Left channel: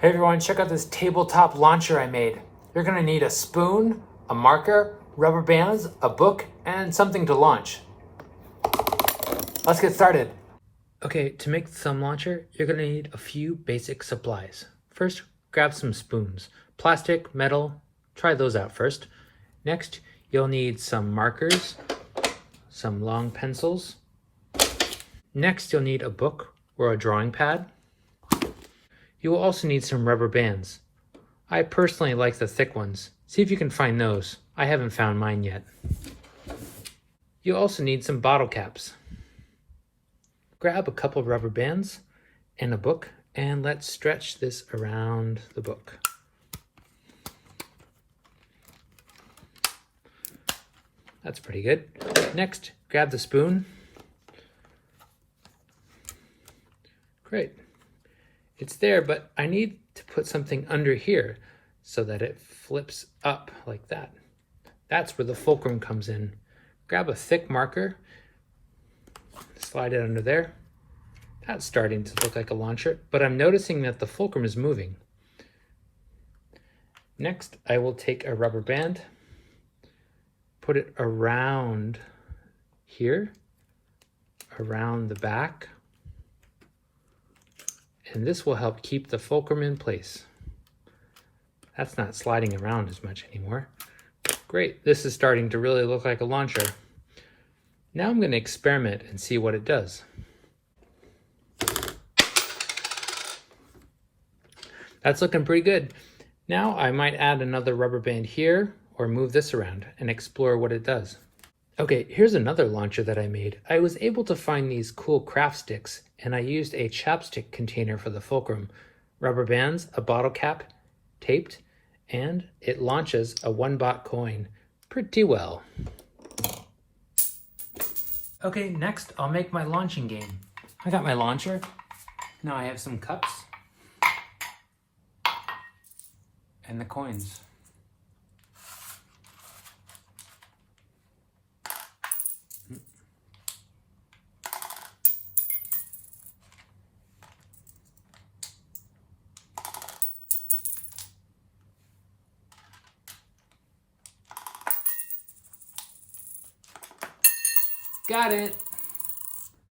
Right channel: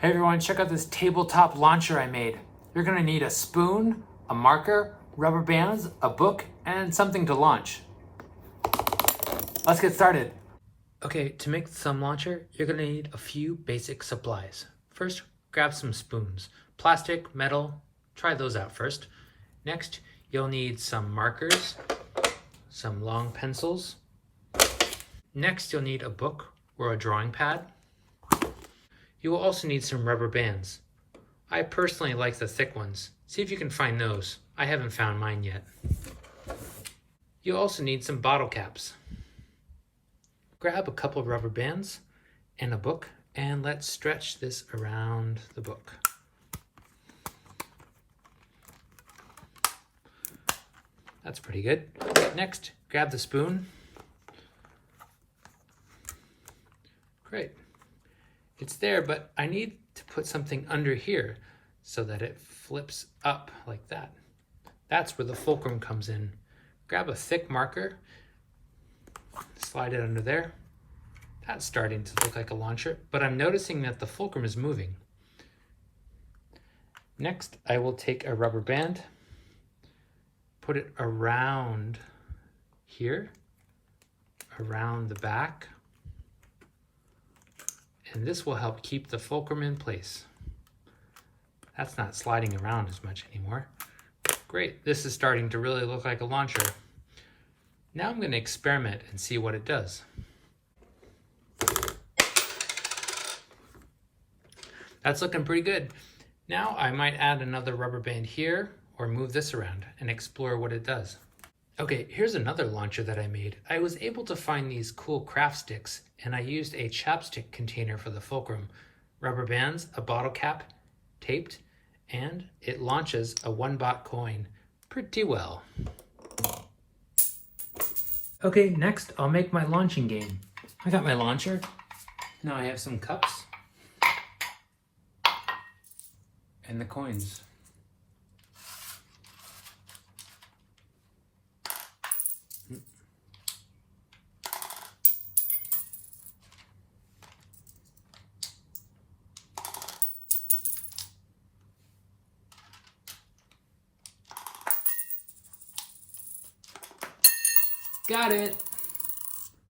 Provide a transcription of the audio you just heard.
Hey everyone, check out this tabletop launcher I made. You're gonna need a spoon, a marker, rubber bands, a book, and something to launch. Let's get started. Okay, to make some launcher, you're gonna need a few basic supplies. First, grab some spoons. Plastic, metal, try those out first. Next, you'll need some markers, some long pencils. Next, you'll need a book or a drawing pad. You will also need some rubber bands. I personally like the thick ones. See if you can find those. I haven't found mine yet. You'll also need some bottle caps. Grab a couple of rubber bands and a book, and let's stretch this around the book. That's pretty good. Next, grab the spoon. Great. It's there, but I need to put something under here so that it flips up like that. That's where the fulcrum comes in. Grab a thick marker, slide it under there. That's starting to look like a launcher, but I'm noticing that the fulcrum is moving. Next, I will take a rubber band, put it around here, around the back, and this will help keep the fulcrum in place. That's not sliding around as much anymore. Great, this is starting to really look like a launcher. Now I'm going to experiment and see what it does. That's looking pretty good. Now I might add another rubber band here or move this around and explore what it does. Okay, here's another launcher that I made. I was able to find these cool craft sticks, and I used a chapstick container for the fulcrum, rubber bands, a bottle cap, taped, and it launches a 1-baht coin pretty well. Okay, next I'll make my launching game. I got my launcher. Now I have some cups and the coins. Got it.